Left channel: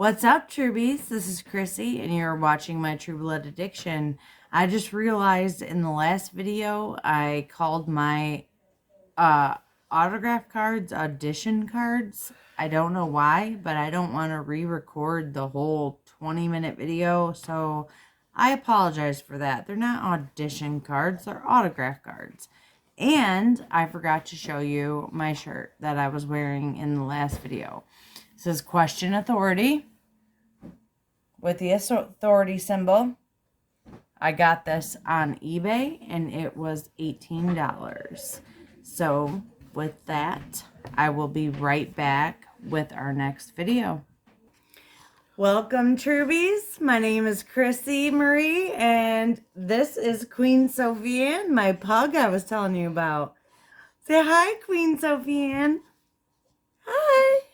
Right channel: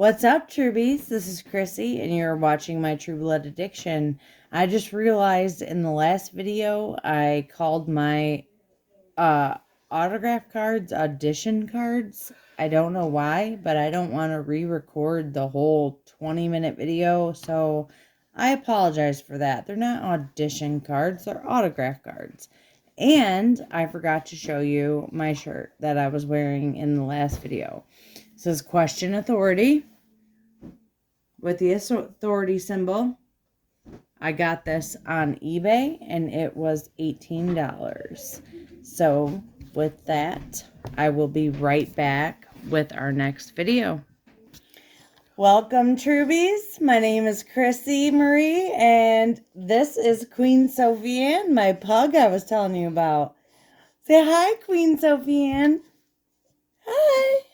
What's up, Trubies? This is Chrissy, and you're watching my True Blood Addiction. I just realized in the last video, I called my autograph cards audition cards. I don't know why, but I don't want to re-record the whole 20-minute video, so I apologize for that. They're not audition cards, they're autograph cards. And I forgot to show you my shirt that I was wearing in the last video. It says Question Authority with the authority symbol. I got this on eBay and it was $18. So with that, I will be right back with our next video. Welcome, Trubies. My name is Chrissy Marie and this is Queen Sophie Ann, my pug I was telling you about. Say hi, Queen Sophie Ann. Hi.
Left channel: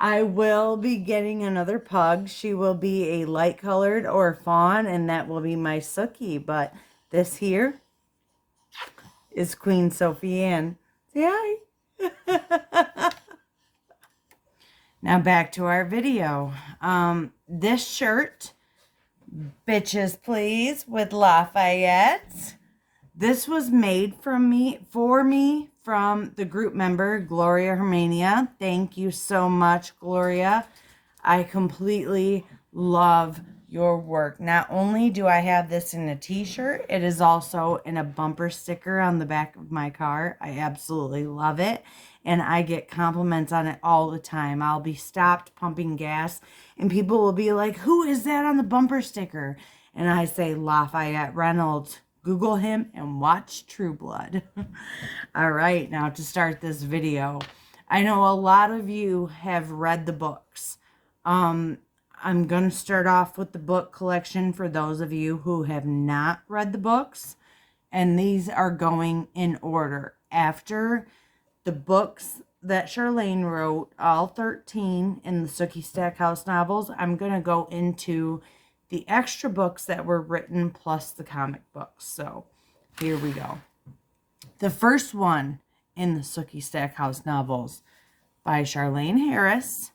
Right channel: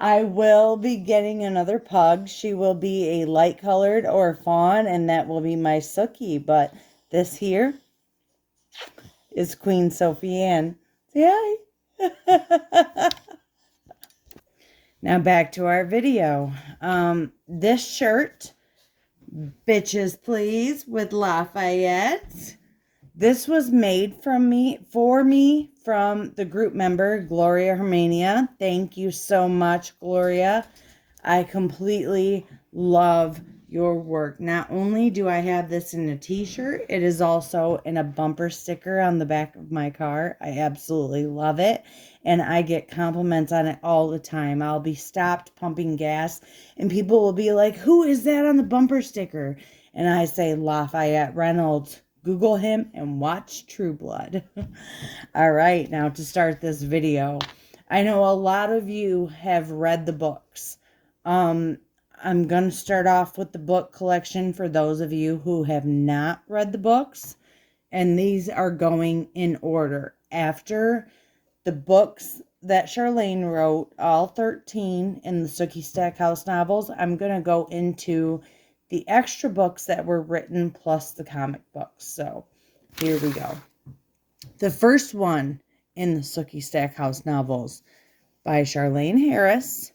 I will be getting another pug. She will be a light colored or fawn, and that will be my Sookie. But this here is Queen Sophie Ann. Say hi. Now back to our video. This shirt, Bitches Please, with Lafayette. This was made for me from the group member, Gloria Hermania. Thank you so much, Gloria. I completely love your work. Not only do I have this in a t-shirt, it is also in a bumper sticker on the back of my car. I absolutely love it. And I get compliments on it all the time. I'll be stopped pumping gas and people will be like, who is that on the bumper sticker? And I say, Lafayette Reynolds. Google him and watch True Blood. All right, now to start this video. I know a lot of you have read the books. I'm going to start off with the book collection for those of you who have not read the books. And these are going in order. After the books that Charlene wrote, all 13 in the Sookie Stackhouse novels, I'm going to go into the extra books that were written plus the comic books. So here we go. The first one in the Sookie Stackhouse novels by Charlene Harris,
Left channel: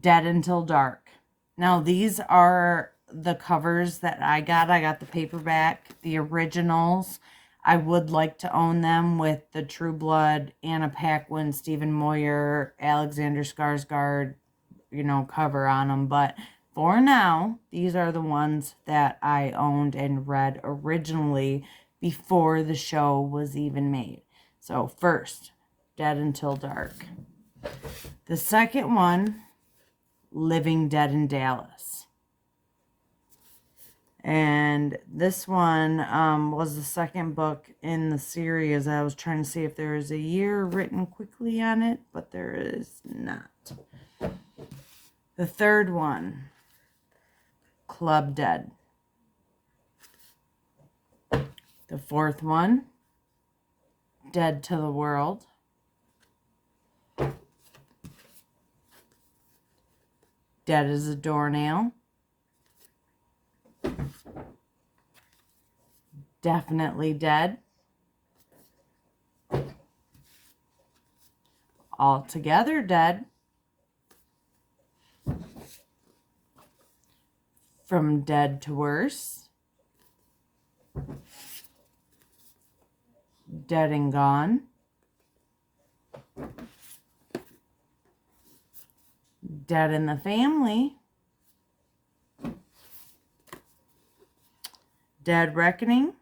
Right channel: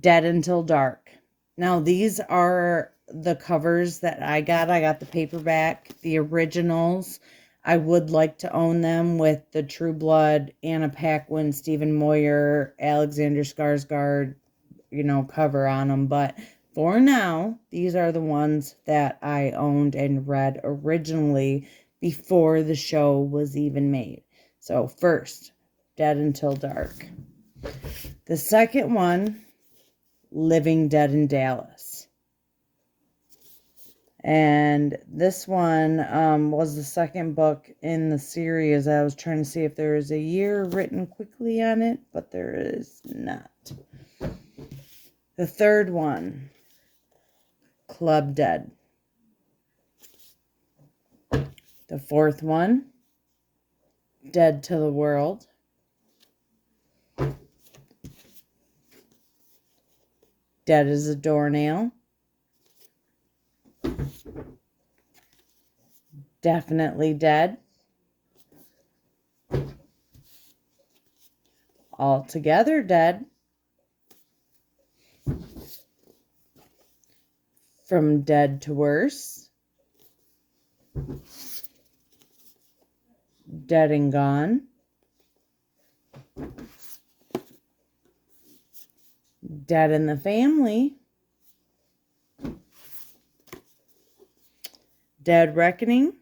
Dead Until Dark. Now these are the covers that I got. I got the paperback, the originals. I would like to own them with the True Blood, Anna Paquin, Stephen Moyer, Alexander Skarsgård, cover on them, but for now, these are the ones that I owned and read originally before the show was even made. So first, Dead Until Dark. The second one, Living Dead in Dallas. And this one was the second book in the series. I was trying to see if there was a year written quickly on it, but there is not. The third one, Club Dead. The fourth one, Dead to the World. Dead as a Doornail. Definitely Dead. Altogether Dead. From Dead to Worse. Dead and Gone. Dead in the Family. Dead Reckoning.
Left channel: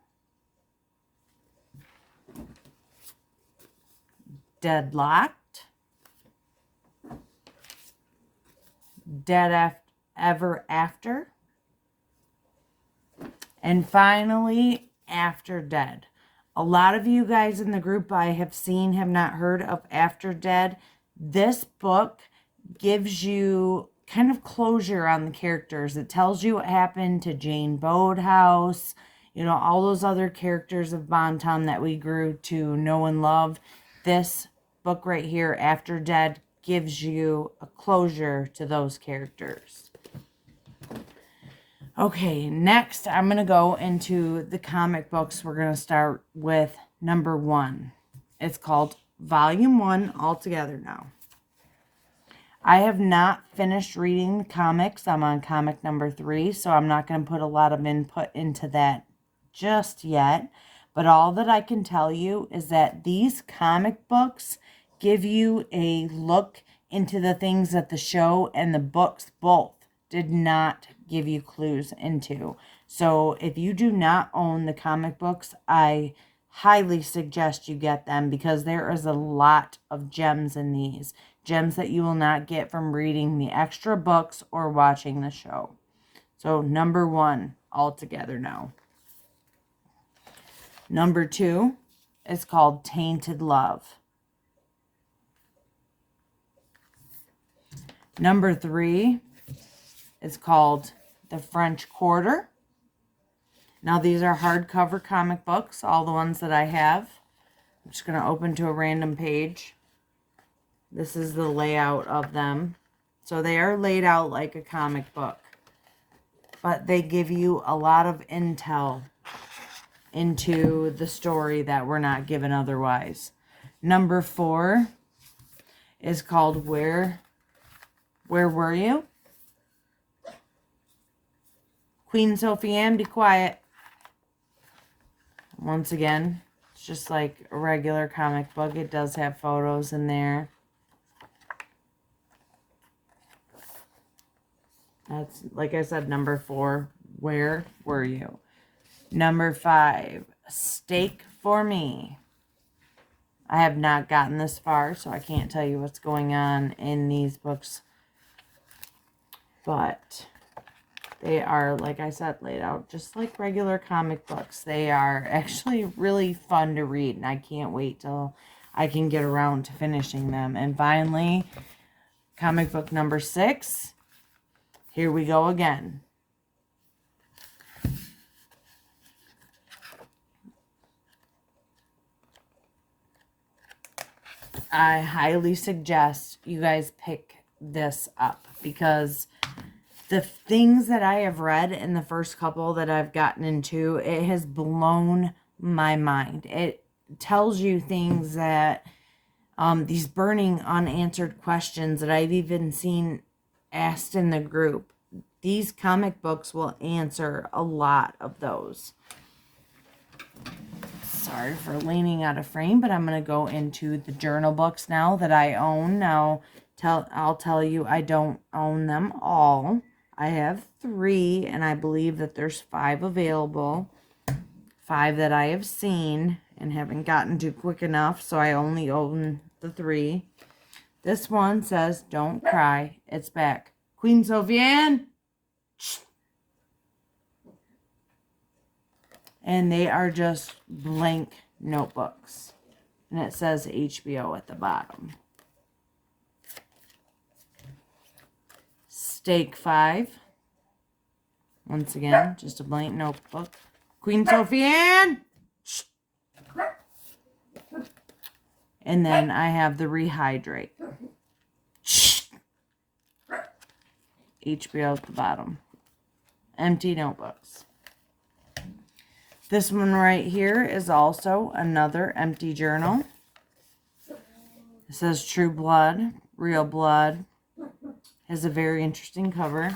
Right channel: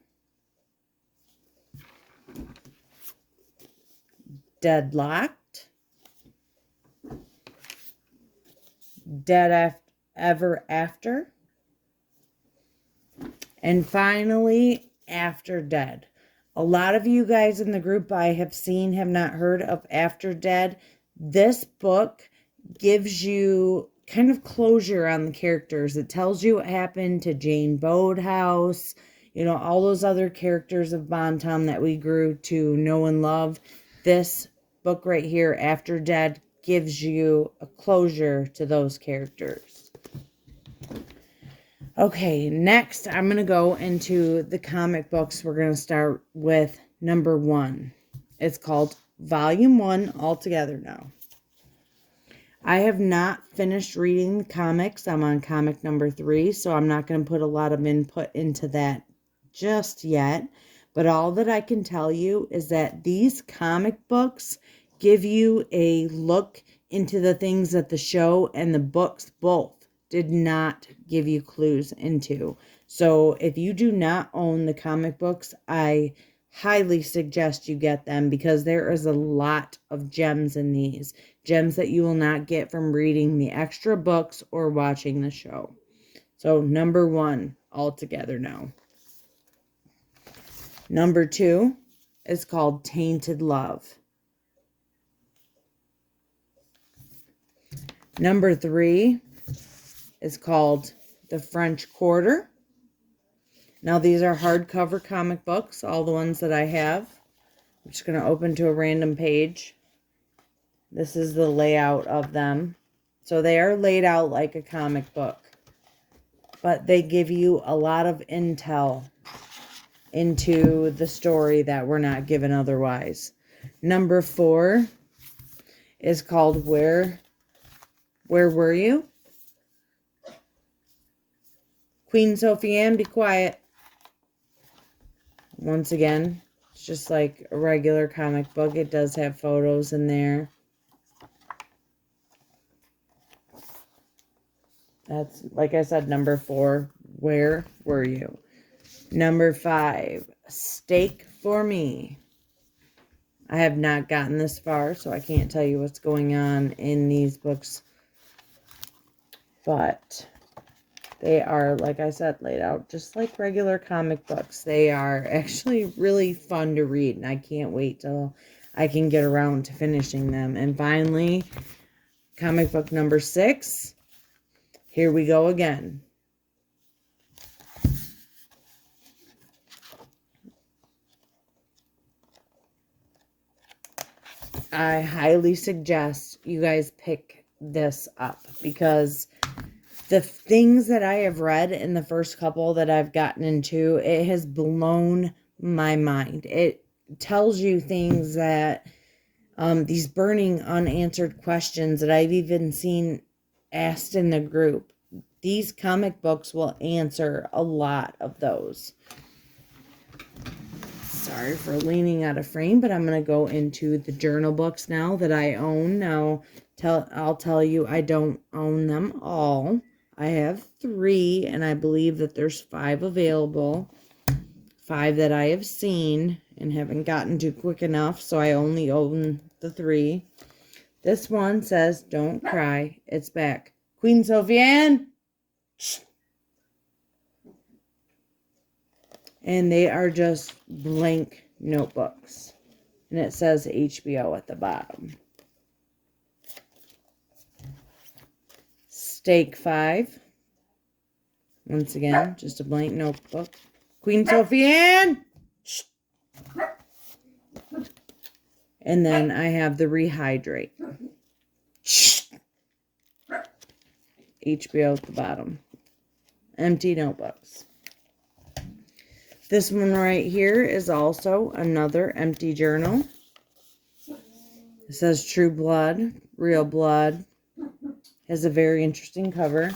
Deadlocked. Dead Ever After. And finally, After Dead. A lot of you guys in the group I have seen have not heard of After Dead. This book gives you kind of closure on the characters. It tells you what happened to Jane Bodehouse, all those other characters of Bonton that we grew to know and love. This book right here, After Dead, gives you a closure to those characters. Okay, next I'm going to go into the comic books. We're going to start with number 1. It's called Volume 1 all together now. I have not finished reading the comics. I'm on comic number 3, so I'm not going to put a lot of input into that just yet. But all that I can tell you is that these comic books give you a look into the things that the show and the books both did not give you clues into. So if you do not own the comic books, I highly suggest you get them, because there is a lot of gems in these. Gems that you will not get from reading the extra books or watching the show. So number 1 all together now. Number 2 is called Tainted Love. Number 3 is called The French Quarter. Now these are hardcover comic books, all the ones that I have. I'm just going to open to a random page. This is the layout of them. So they are laid out like a comic book, but they give you a lot of intel into the story that we're not given otherwise. Number 4 is called Where Were You? Queen Sophie Anne, be quiet. Once again, it's just like a regular comic book. It does have photos in there. That's, like I said, number 4, Where Were You? Number 5, Steak for Me. I have not gotten this far, so I can't tell you what's going on in these books. But they are, like I said, laid out just like regular comic books. They are actually really fun to read, and I can't wait till I can get around to finishing them. And finally, comic book number 6. Here we go again. I highly suggest you guys pick this up, because the things that I have read in the first couple that I've gotten into, it has blown my mind. It tells you things that, these burning unanswered questions that I've even seen asked in the group. These comic books will answer a lot of those. Sorry for leaning out of frame, but I'm going to go into the journal books now that I own. Now, I'll tell you, I don't own them all. I have 3, and I believe that there's 5 available. 5 that I have seen and haven't gotten to quick enough, so I only own the 3. This one says, Don't Cry, It's Back. Queen Sophie Anne! Shh. And they are just blank notebooks. And it says HBO at the bottom. Stake 5. Once again, just a blank notebook. Queen Sophie Anne! Shh. And then I have the Rehydrate. Shh. HBO at the bottom. Empty notebooks. This one right here is also another empty journal. It says True Blood, Real Blood. Has a very interesting cover.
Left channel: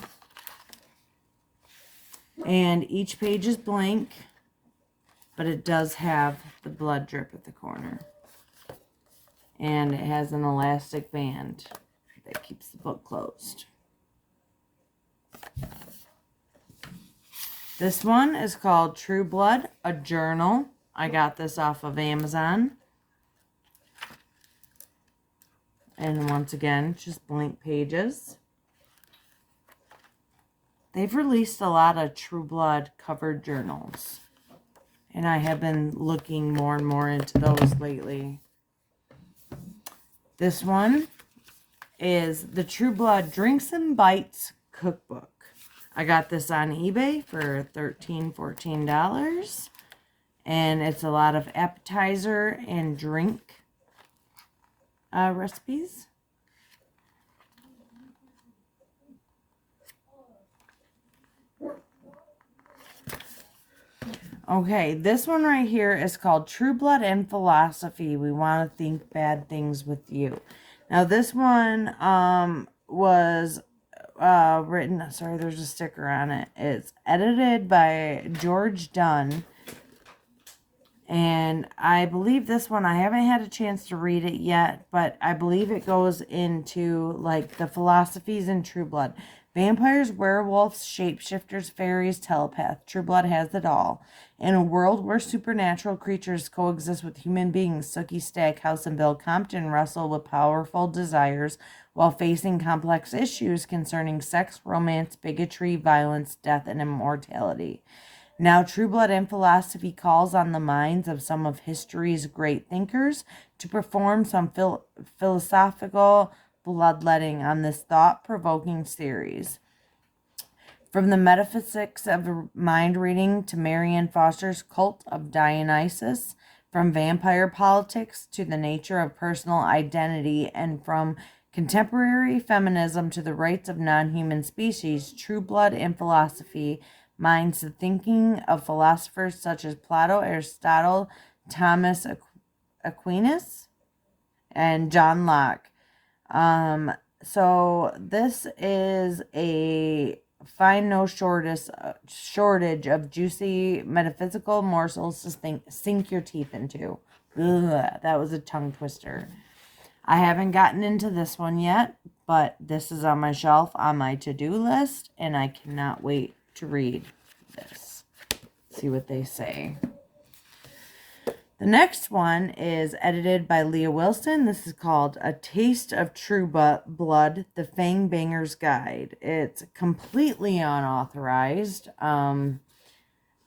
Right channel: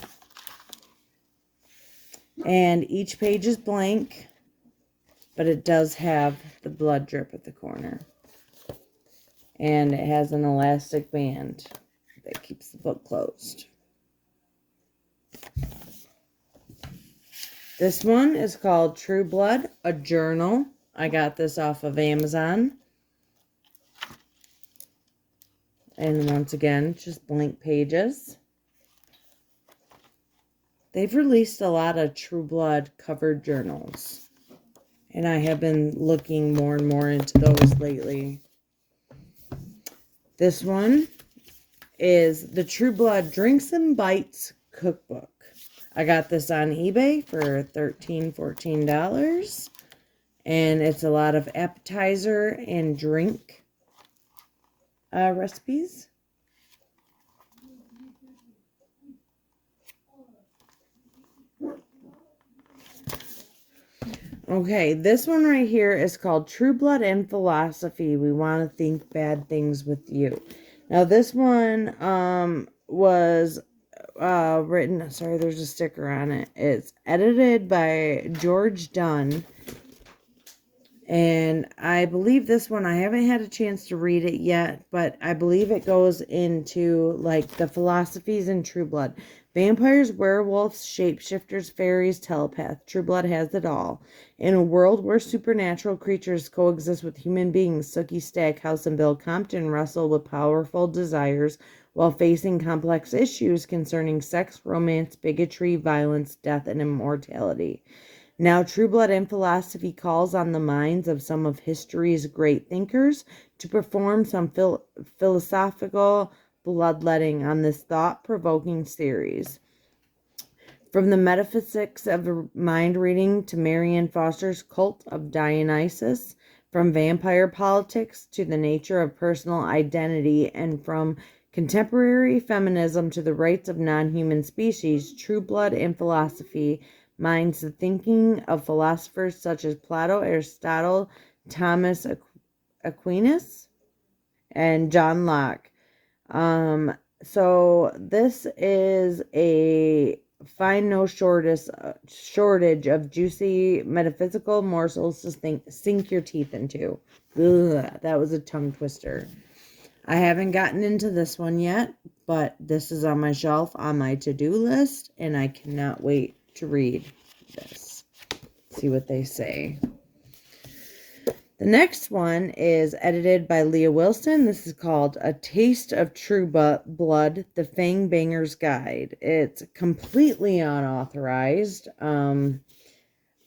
And each page is blank, but it does have the blood drip at the corner. And it has an elastic band that keeps the book closed. This one is called True Blood, a journal. I got this off of Amazon. And once again, just blank pages. They've released a lot of True Blood covered journals. And I have been looking more and more into those lately. This one is the True Blood Drinks and Bites Cookbook. I got this on eBay for $13, $14. And it's a lot of appetizer and drink recipes. Okay, this one right here is called True Blood and Philosophy. We want to think bad things with you. Now, this one was written, sorry, there's a sticker on it. It's edited by George Dunn. And I believe this one, I haven't had a chance to read it yet, but I believe it goes into like the philosophies in True Blood. Vampires, werewolves, shapeshifters, fairies, telepath. True Blood has it all. In a world where supernatural creatures coexist with human beings, Sookie Stackhouse and Bill Compton wrestle with powerful desires while facing complex issues concerning sex, romance, bigotry, violence, death, and immortality. Now, True Blood and Philosophy calls on the minds of some of history's great thinkers to perform some philosophical bloodletting on this thought-provoking series. From the metaphysics of mind reading to Marianne Foster's cult of Dionysus, from vampire politics to the nature of personal identity, and from contemporary feminism to the rights of non-human species, True Blood and Philosophy mines the thinking of philosophers such as Plato, Aristotle, Thomas Aquinas, and John Locke. So this is a find no shortage of juicy metaphysical morsels to sink your teeth into. Ugh, that was a tongue twister. I haven't gotten into this one yet, but this is on my shelf on my to-do list, and I cannot wait to read this. See what they say. The next one is edited by Leah Wilson. This is called A Taste of True Blood, The Fang Banger's Guide. It's completely unauthorized. I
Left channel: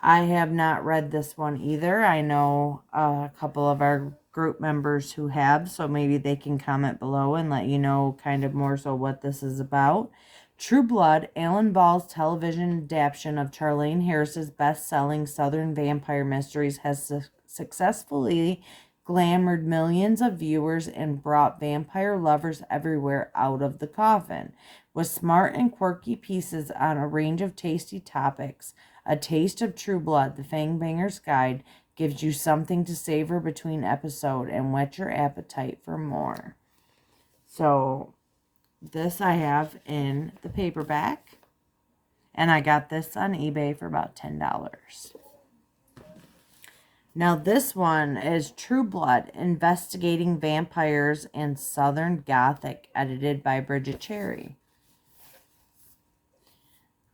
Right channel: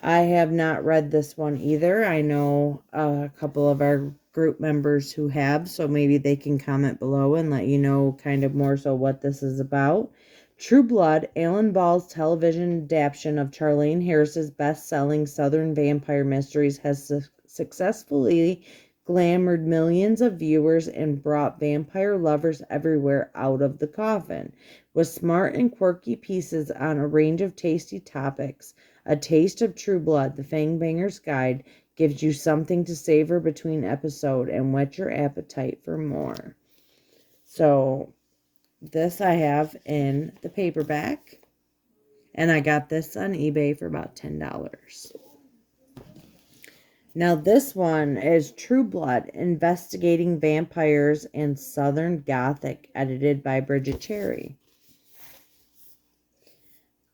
have not read this one either. I know a couple of our group members who have, so maybe they can comment below and let you know kind of more so what this is about. True Blood, Alan Ball's television adaptation of Charlaine Harris's best-selling Southern Vampire Mysteries, has successfully glamored millions of viewers and brought vampire lovers everywhere out of the coffin. With smart and quirky pieces on a range of tasty topics, A Taste of True Blood, The Fangbanger's Guide, gives you something to savor between episode and whet your appetite for more. So, this I have in the paperback, and I got this on eBay for about $10. Now this one is True Blood, Investigating Vampires and Southern Gothic, edited by Bridget Cherry.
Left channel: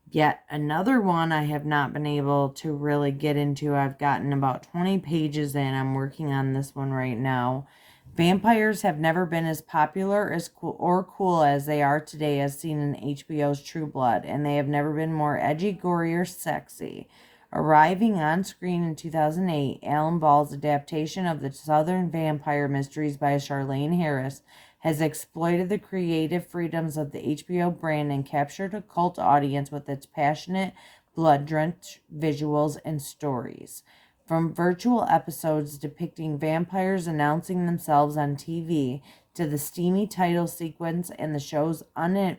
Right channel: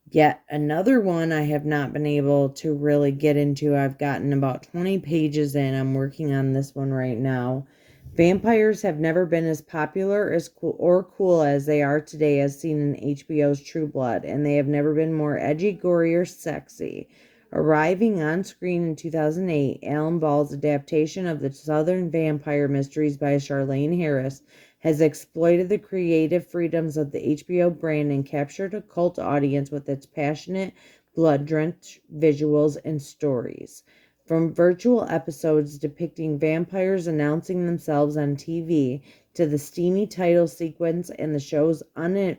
Yet another one I have not been able to really get into. I've gotten about 20 pages in. I'm working on this one right now. Vampires have never been as popular as cool as they are today, as seen in HBO's True Blood, and they have never been more edgy, gory, or sexy. Arriving on screen in 2008, Alan Ball's adaptation of the Southern Vampire Mysteries by Charlaine Harris has exploited the creative freedoms of the HBO brand and captured a cult audience with its passionate, blood-drenched visuals and stories. From virtual episodes depicting vampires announcing themselves on TV to the steamy title sequence and the show's uninhibited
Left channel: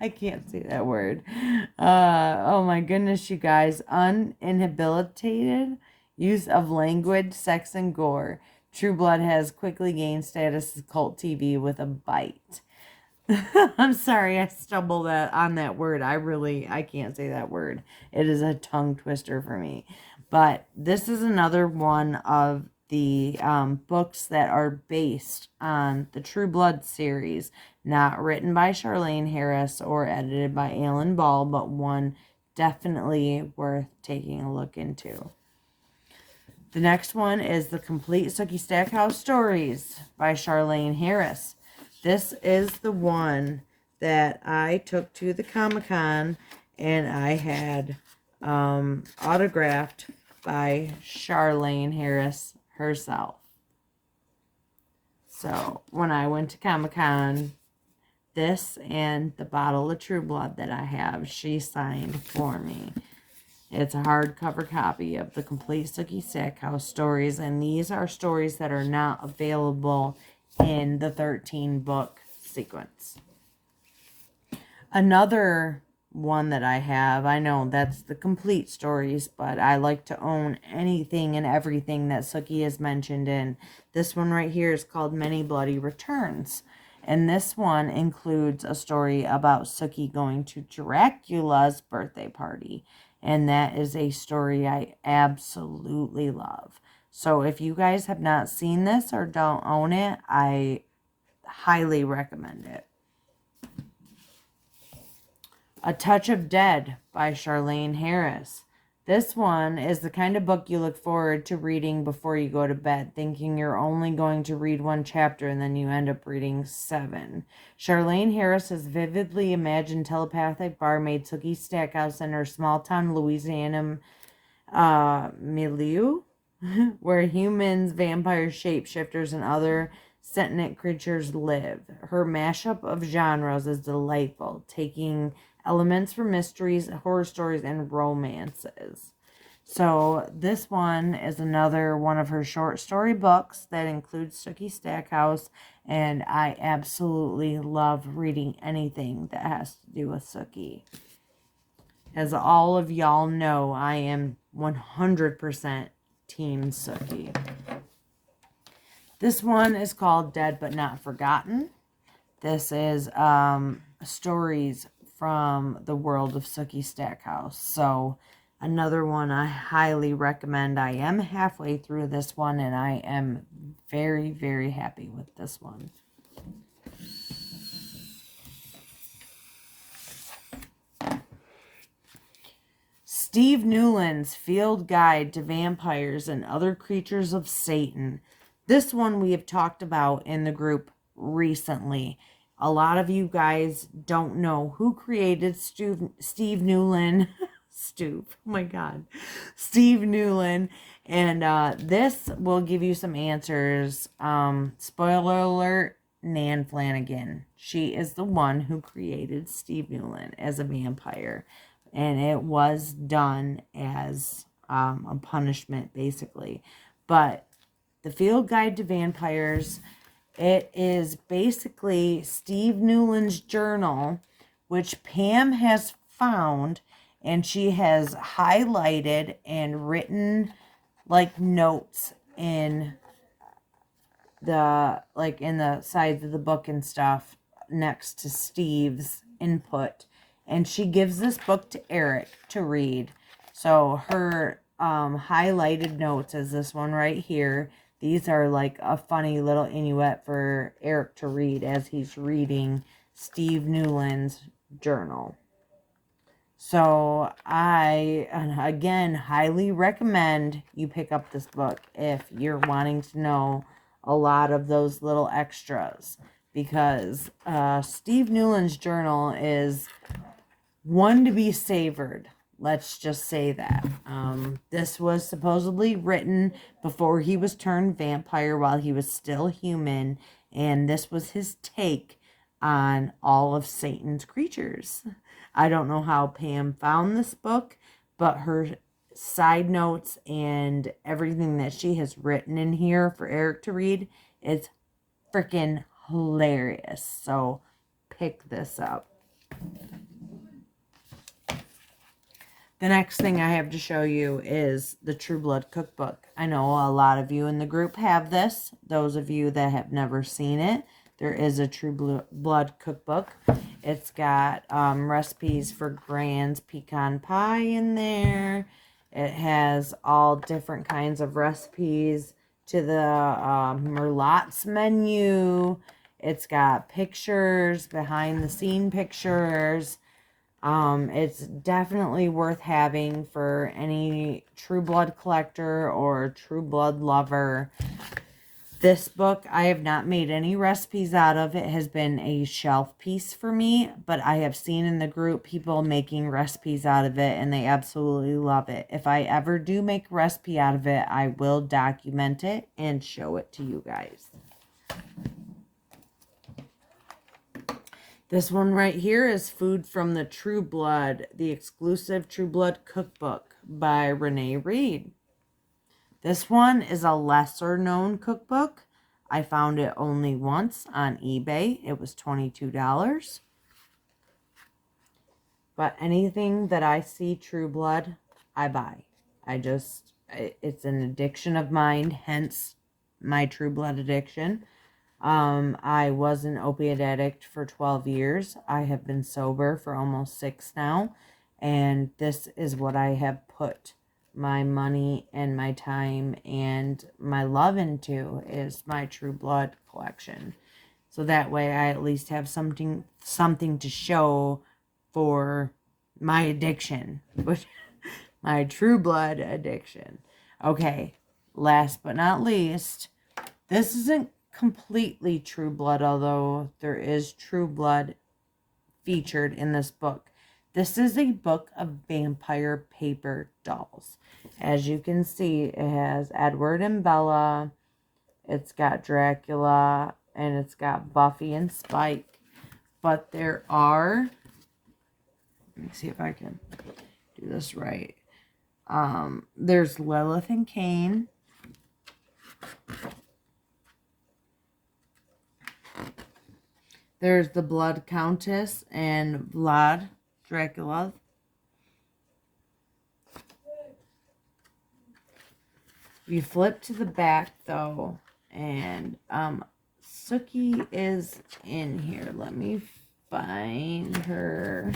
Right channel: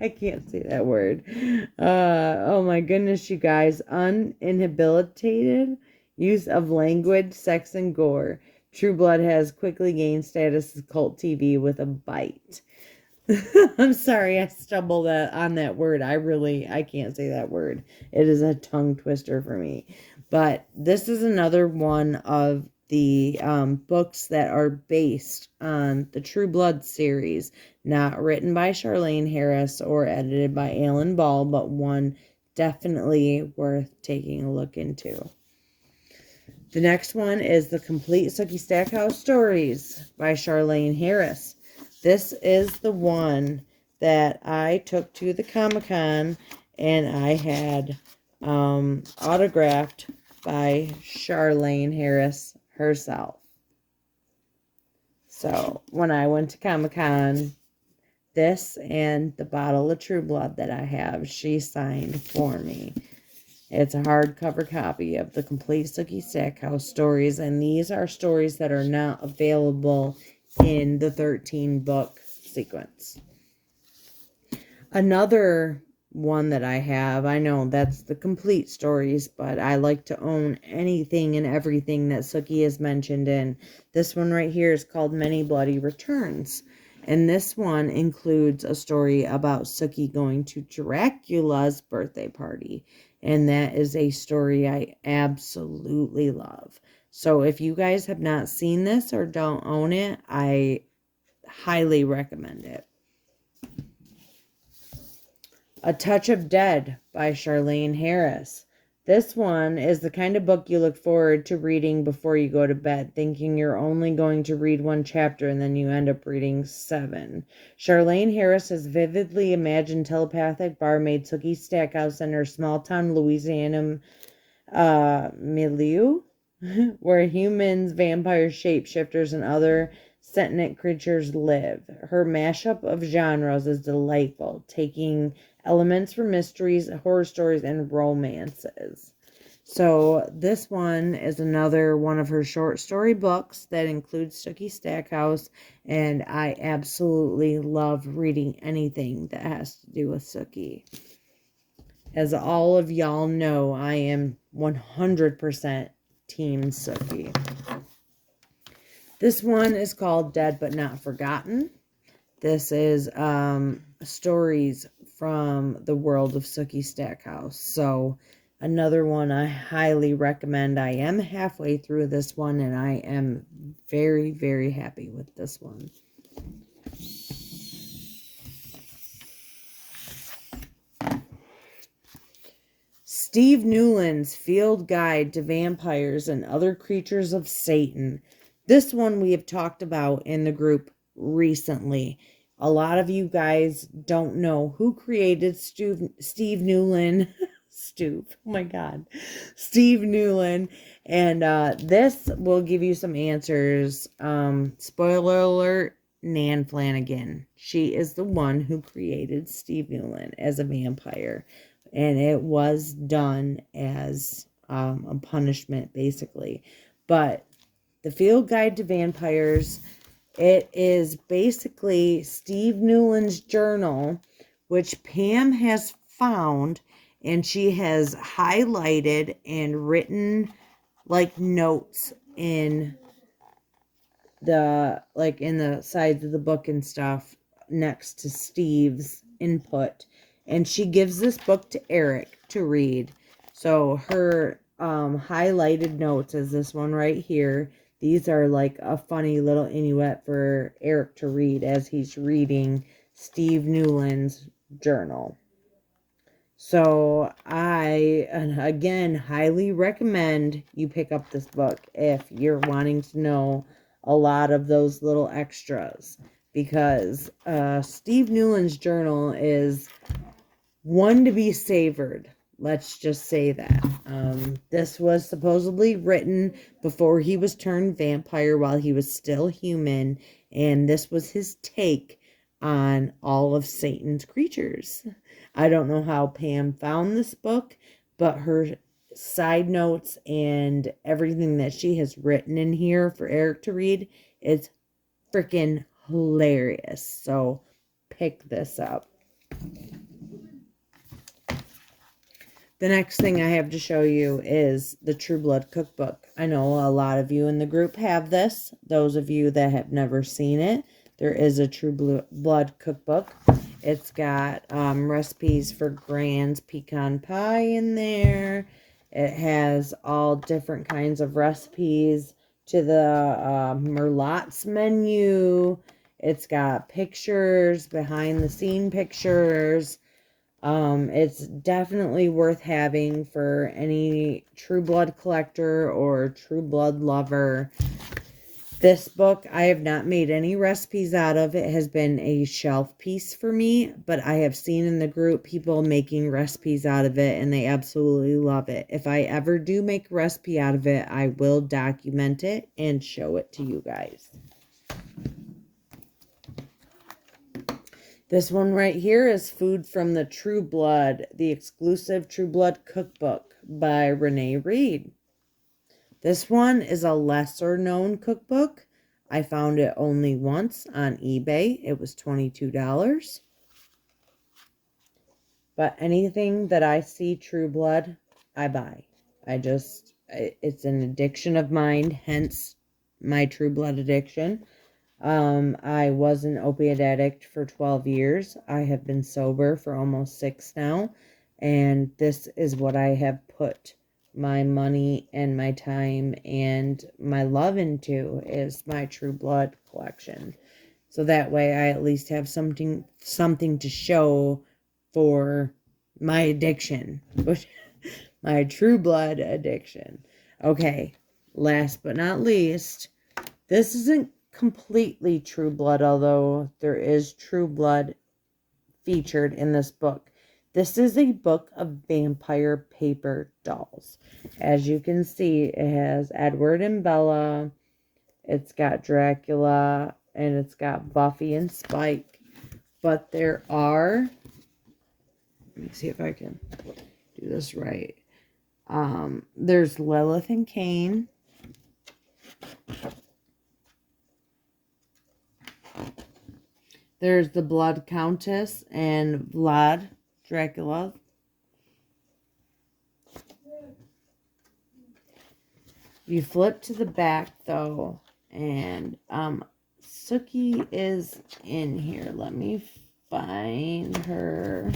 I can't say that word. Oh my goodness, you guys. Uninhibited use of language, sex, and gore. True Blood has quickly gained status as cult TV with a bite. I'm sorry I stumbled on that word. I can't say that word. It is a tongue twister for me. But this is another one of the books that are based on the True Blood series. Not written by Charlaine Harris or edited by Alan Ball, but one definitely worth taking a look into. The next one is The Complete Sookie Stackhouse Stories by Charlaine Harris. This is the one that I took to the Comic-Con and I had autographed by Charlaine Harris herself. So when I went to Comic-Con, this and the bottle of True Blood that I have, she signed for me. It's a hardcover copy of The Complete Sookie Stackhouse Stories, and these are stories that are not available in the 13-book sequence. Another one that I have. I know that's the complete stories, but I like to own anything and everything that Sookie is mentioned in. This one right here is called Many Bloody Returns. And this one includes a story about Sookie going to Dracula's birthday party. And that is a story I absolutely love. So if you guys have not seen this or don't own it, I highly recommend it. A Touch of Dead by Charlaine Harris. This one is the kind of book you look forward to reading before you go to bed, thinking you're only going to read one chapter and then you end up reading 7. Charlaine Harris has vividly imagined telepathic barmaid Sookie Stackhouse in her small-town Louisiana milieu, where humans, vampires, shapeshifters, and other sentient creatures live. Her mashup of genres is delightful, taking elements from mysteries, horror stories, and romances. So this one is another one of her short story books that includes Sookie Stackhouse, and I absolutely love reading anything that has to do with Sookie. As all of y'all know, I am 100% Team Sookie. This one is called Dead But Not Forgotten. This is stories from the world of Sookie Stackhouse. So another one I highly recommend. I am halfway through this one, and I am very, very happy with this one. Steve Newland's Field Guide to Vampires and Other Creatures of Satan. This one we have talked about in the group recently. A lot of you guys don't know who created Steve Newland. Oh my God. Steve Newland. And this will give you some answers. Spoiler alert, Nan Flanagan. She is the one who created Steve Newland as a vampire. And it was done as a punishment, basically. But the Field Guide to Vampires, it is basically Steve Newland's journal, which Pam has found, and she has highlighted and written like notes in the sides of the book and stuff next to Steve's input. And she gives this book to Eric to read. So her highlighted notes is this one right here. These are like a funny little Inuit for Eric to read as he's reading Steve Newland's journal. So I, again, highly recommend you pick up this book if you're wanting to know a lot of those little extras. Because Steve Newland's journal is one to be savored. Let's just say that. This was supposedly written before he was turned vampire while he was still human. And this was his take on all of Satan's creatures. I don't know how Pam found this book, but her side notes and everything that she has written in here for Eric to read is freaking hilarious. So pick this up. The next thing I have to show you is the True Blood Cookbook. I know a lot of you in the group have this. Those of you that have never seen it, there is a True Blood Cookbook. It's got recipes for Gran's pecan pie in there. It has all different kinds of recipes to the Merlot's menu. It's got pictures, behind the scene pictures. It's definitely worth having for any True Blood collector or True Blood lover. This book, I have not made any recipes out of. It has been a shelf piece for me, but I have seen in the group people making recipes out of it, and they absolutely love it. If I ever do make a recipe out of it, I will document it and show it to you guys. This one right here is Food from the True Blood, the exclusive True Blood cookbook by Renee Reed. This one is a lesser known cookbook. I found it only once on eBay. It was $22. But anything that I see True Blood, I buy. It's an addiction of mine, hence my True Blood addiction. I was an opiate addict for 12 years. I have been sober for almost 6 now. And this is what I have put my money and my time and my love into, is my True Blood collection. So that way I at least have something to show for my addiction, which my True Blood addiction. Okay, last but not least, this isn't completely True Blood, although there is True Blood featured in this book. This is a book of vampire paper dolls. As you can see, it has Edward and Bella, it's got Dracula, and it's got Buffy and Spike. But there are, let me see if I can do this right. There's Lilith and Cain. There's the Blood Countess and Vlad Dracula. You flip to the back though, and Sookie is in here. Let me find her.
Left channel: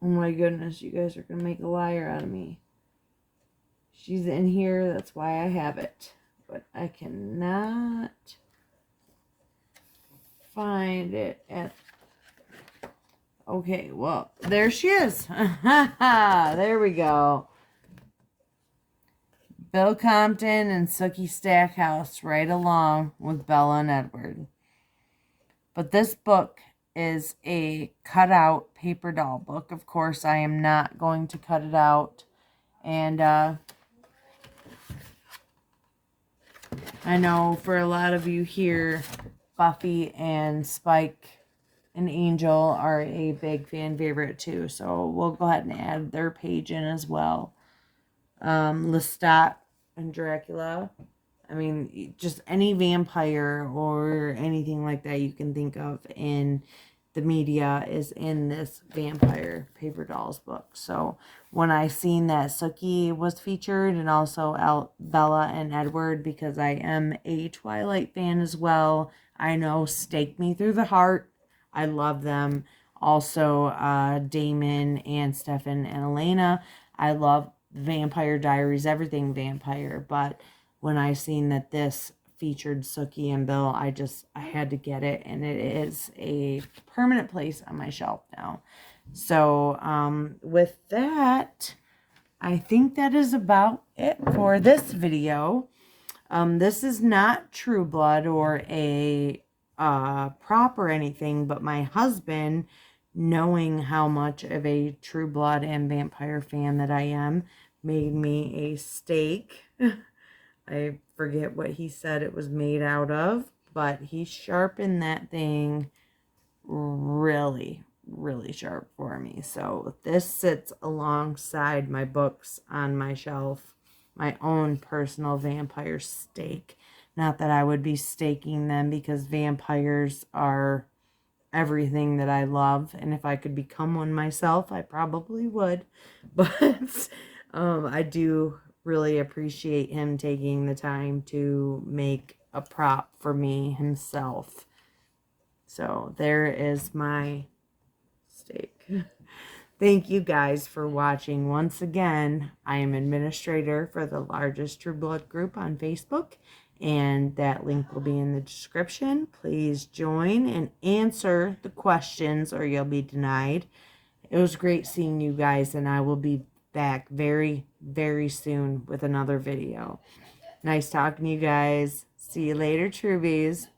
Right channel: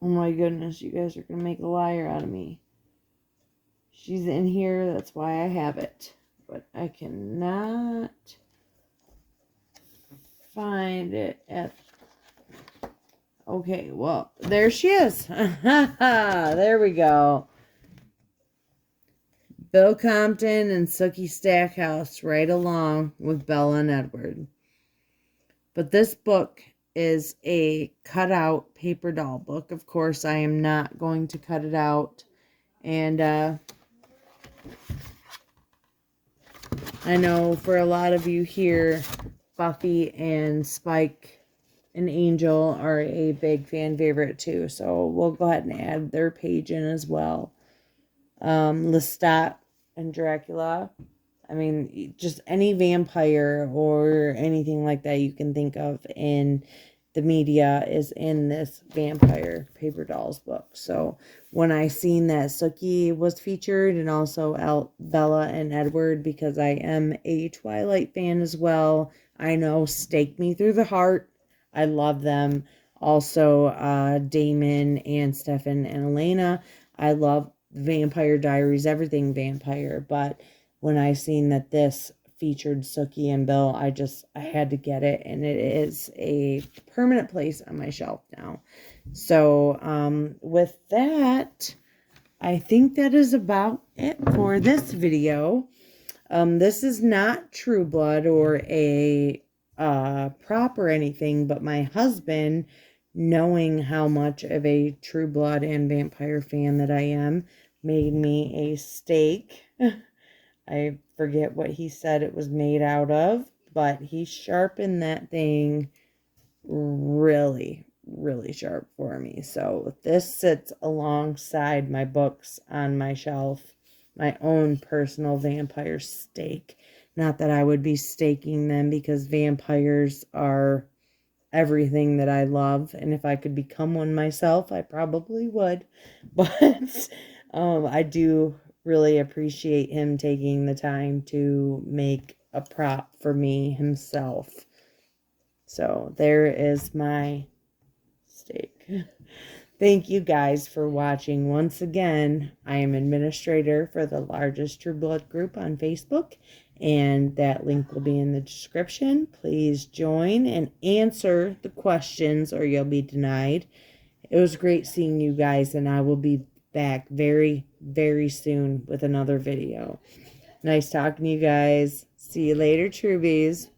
Oh my goodness, you guys are going to make a liar out of me. She's in here, that's why I have it. But I cannot find it at... Okay, well, there she is. There we go. Bill Compton and Sookie Stackhouse right along with Bella and Edward. But this book is a cutout paper doll book. Of course, I am not going to cut it out. And I know for a lot of you here, Buffy and Spike and Angel are a big fan favorite too. So we'll go ahead and add their page in as well. Lestat and Dracula. I mean, just any vampire or anything like that you can think of in the media is in this vampire paper dolls book. So when I seen that Sookie was featured, and also Bella and Edward, because I am a Twilight fan as well, I know, stake me through the heart. I love them. Also, Damon and Stefan and Elena. I love Vampire Diaries, everything vampire. But when I seen that this featured Sookie and Bill, I had to get it, and it is a permanent place on my shelf now. So with that, I think that is about it for this video. This is not True Blood or a prop or anything, but my husband, knowing how much of a True Blood and vampire fan that I am, made me a steak. I forget what he said it was made out of, but he sharpened that thing really, really sharp for me. So this sits alongside my books on my shelf, my own personal vampire steak. Not that I would be staking them, because vampires are everything that I love, and if I could become one myself, I probably would. But I do really appreciate him taking the time to make a prop for me himself. So there is my steak. Thank you guys for watching. Once again, I am administrator for the largest True Blood group on Facebook, and that link will be in the description. Please join and answer the questions, or you'll be denied. It was great seeing you guys, and I will be back very, very soon with another video. Nice talking to you guys. See you later, Trubies.